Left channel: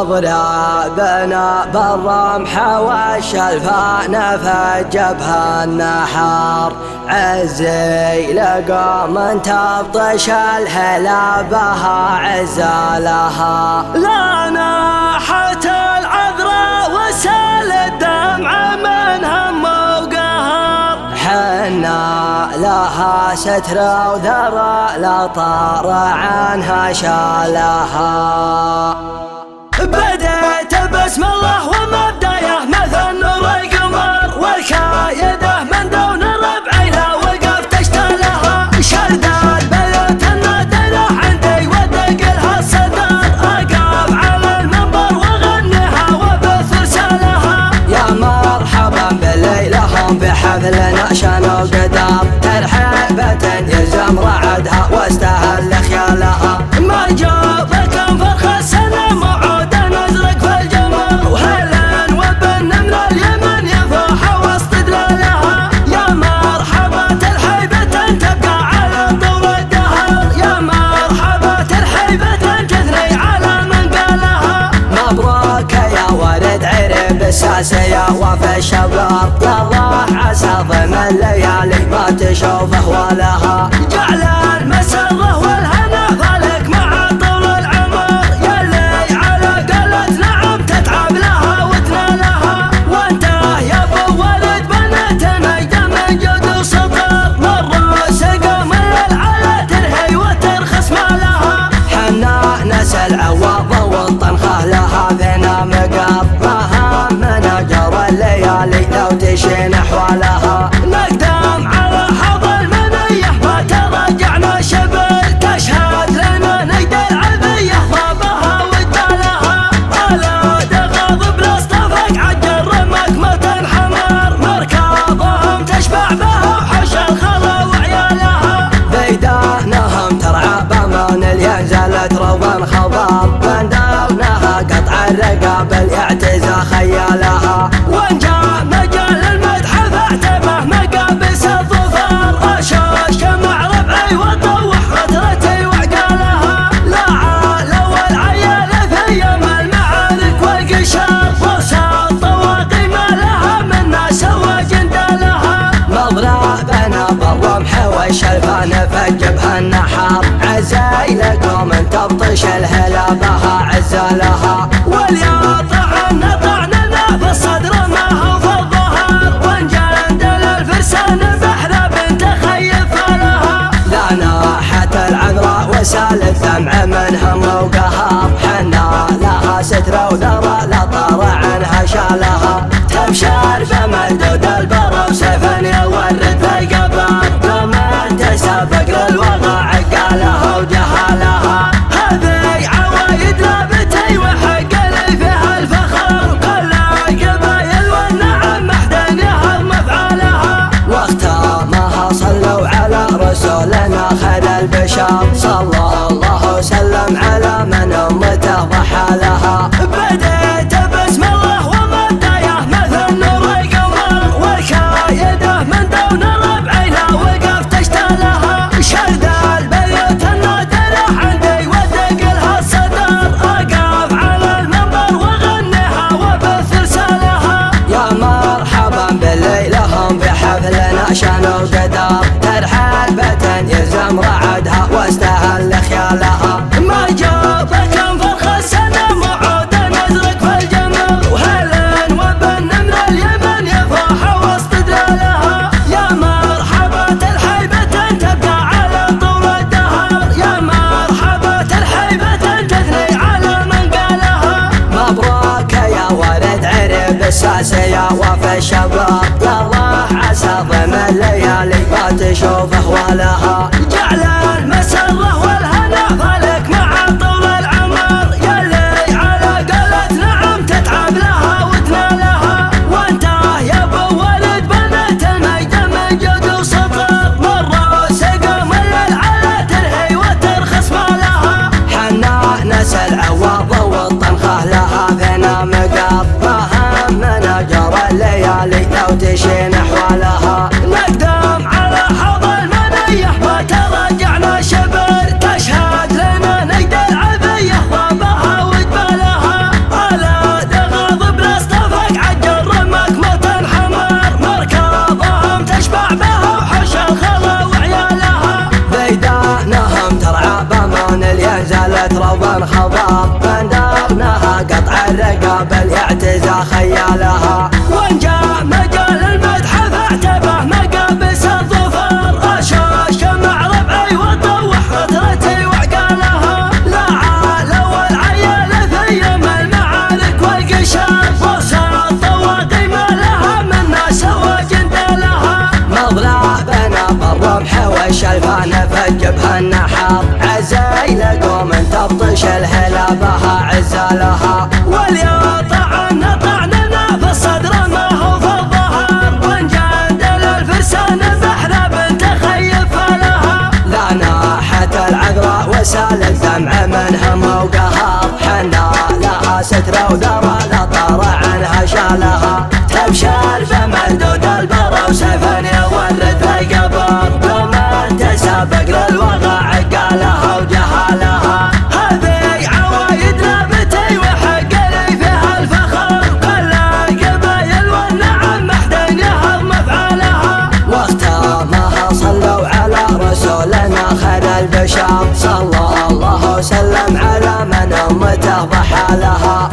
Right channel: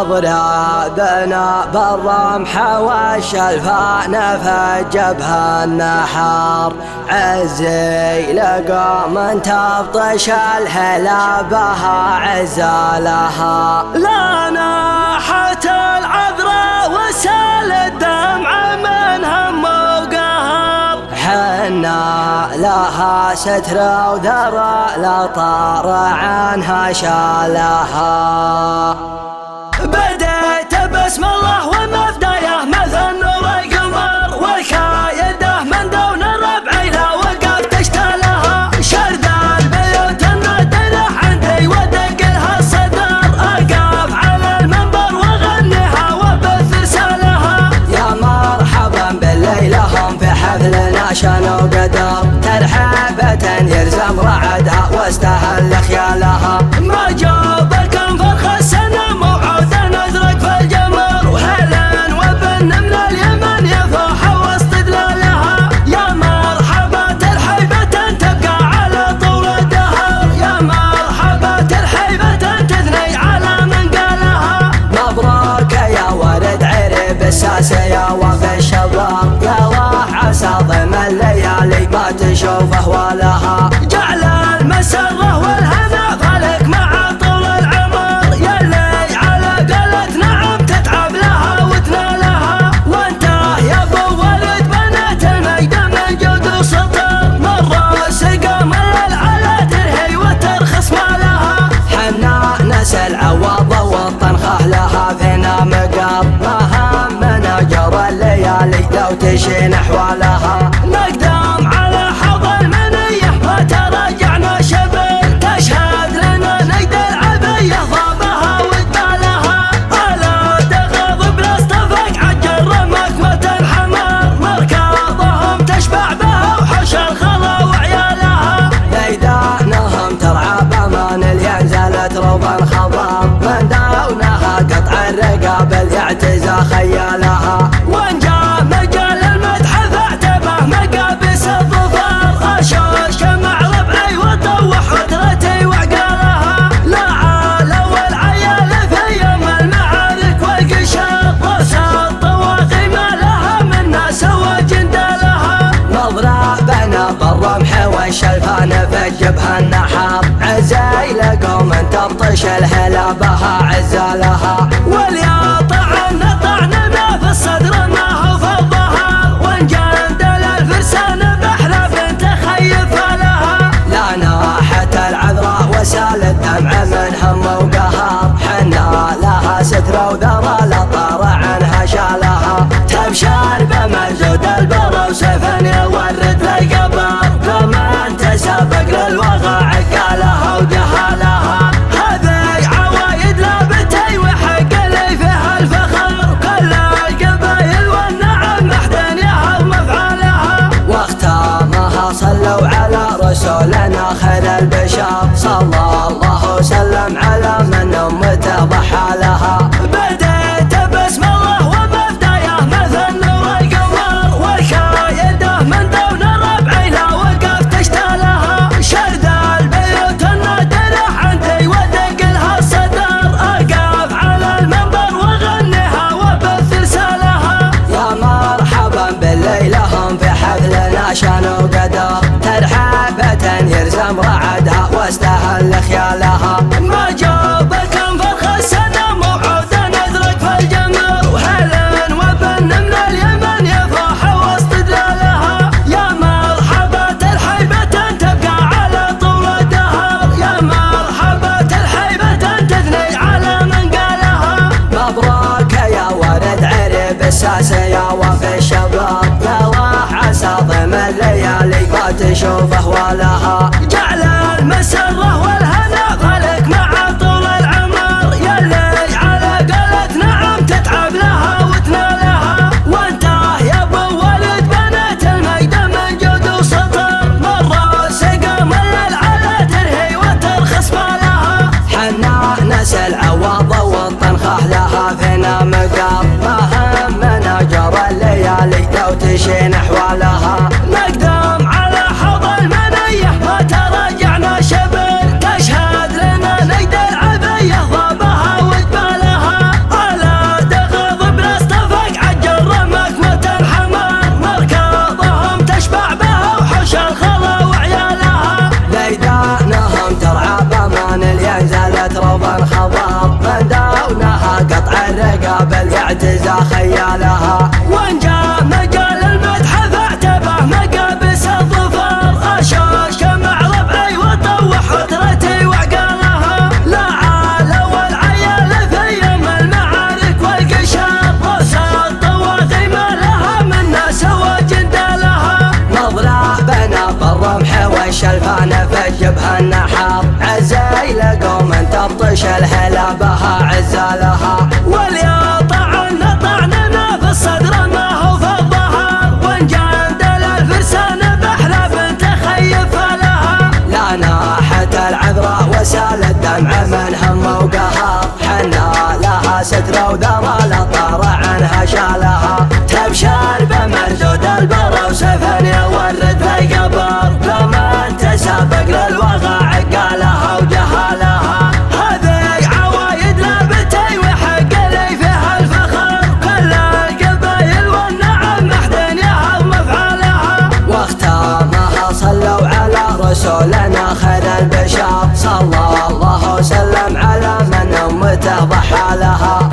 مضربنا بالرمح والشلفان فجبها النحار عزي لقوم تبطش الهلا بها عزالها لا ناحت العذراء وسال الدمع من هم وقهر حنا لها ستر وذرى لا طار عنها شالها بديت بسم الله ومبدايه مثل نور القمر والكايده من دون الربع لا وقف تشتلها شرد البيوت النادله عندي ودق لها الصدر اقف على المنبر واغنيها وبث رسالها يا مرحبا بالليلهم في حفلنا شنو قدر ترحيبة يلزم رعدها واستهل خيالها ما جابكم فرخ السنه موعود نزرق في الجمر وهلا وبالنمل اليمن يفوح واستدلالها يا مرحبا ترحيبة تبقى على طول الدهر يا مرحبا ترحيبة تثني على من قالها مبروك يا ولد عرب الساسية وفي الشباب يا الله عسى ضم الليالي ما تشوفه ولها جعل المسره والهنا فالك مع طول العمر يلي على قلت نعم تتعب لها وتنالها وانت يا ابو ولد بنات المجد من جود وسطر مره سقى من على ترهي وترخص مالها حنا نسل عوض والطنخه لها فينا مقر ما همنا جرى الليالي لو تشين احوالها نقدم على حظ المنيه ما تراجعنا شبل تشهد لنا نجد العبيه ضابها وجبالها الا دغض بلاصطفق عجل رمك متن حمار مركضهم تشبع بها وحش الخلا وعيالها بيدانهم ترعى بامان ينزلت روضا خضار من داونها قطع الرقاب يعتزى خيالها وان جاء مجال المدح فاعتبه مقابس الظفار اشوش مع ربعي وطوح وترتي وعقالها لا عال والعيال في يوم المعارك والقشار وسط طواقي ما لها من ناس وجندالها مضربنا بالرمح والشلفان فجبها النحار عزاي لكم ان تبطش الهلا بها عزالها واليا طعننا في الصدر ما هو في الظهر وان جندل الفرسان بحر بنت خيف لها لا ناحت العذراء وسال الدمع من هم وقهر حنا لها ستر وذرى لا طار عنها شالها تبشر بمردود البر وسيفا يورد في القبر لما تسابق للوغى عقالها وجهالها هذه عوايد لابتي وحق لي فيها الفخر كل القبايل والنعم محدن يهضم افعالها واختامها صلوا على رسولنا خير البشر صلى الله وسلم على من امته ضحى لها بديت بسم الله ومبدايه مثل نور القمر والكايده من دون الربع لا وقف تشتلها شرد البيوت النادله عندي ودق لها الصدر اقف على المنبر واغنيها وبث رسالها يا مرحبا بالليلهم في حفلنا شنو قدر ترحيبة يلزم رعدها واستهل خيالها ما جابكم فرخ السنه موعود نزرق في الجمر وهلا وبالنمل اليمن يفوح واستدلالها يا مرحبا ترحيبة تبقى على طول الدهر يا مرحبا ترحيبة تثني على من قالها مبروك يا ولد عرب الساسية وفي الشباب يا الله عسى ضم الليالي ما تشوفه ولها جعل المسره والهنا فالك مع طول العمر يلي على قلت نعم تتعب لها وتنالها وانت يا ابو ولد بنات المجد من جود وسطر مره سقى من على ترهي وترخص مالها حنا نسل عوض والطنخه لها فينا مقر ما همنا جرى الليالي لو تشين احوالها نقدم على حظ المنيه ما تراجعنا شبر تشهد لنا نجد العبيه ضابها وجبالها الرقابل يعتزى خيالها. وان جاء مجال المدح فاعتبه مقابس الظفر، اشوش مع ربعي وطوح عذرتي وعقالها. لا عال والعيال في يوم المعارك والقشار، وصلت طواغي ما لها من ناس وجندالها. مضربنا بالرمح والشلفان في الجبهة النحار، عزيل قوم تبطش الهلا بها عزالها. واليا طعننا في الصدر ما هو في الظهر، وان جندل الفرسان بحلب تخيف لها. لا ناحت العذراء وسال الدمع من هم وقهر، حنا لها سترة وذرى لا طار عنها شالها. تبشر بمردود البر وسفن يورد في قبر، ومن تسابق للوغى عقالها وجهالها. هذه عوايد نابتي وحق لي فيها الفخر، كل القبايل والنعم محدن يهضم افعالها. واختامها صلوا على رسولنا خير البشر، صلى الله وسلم على من امته ضحى لها.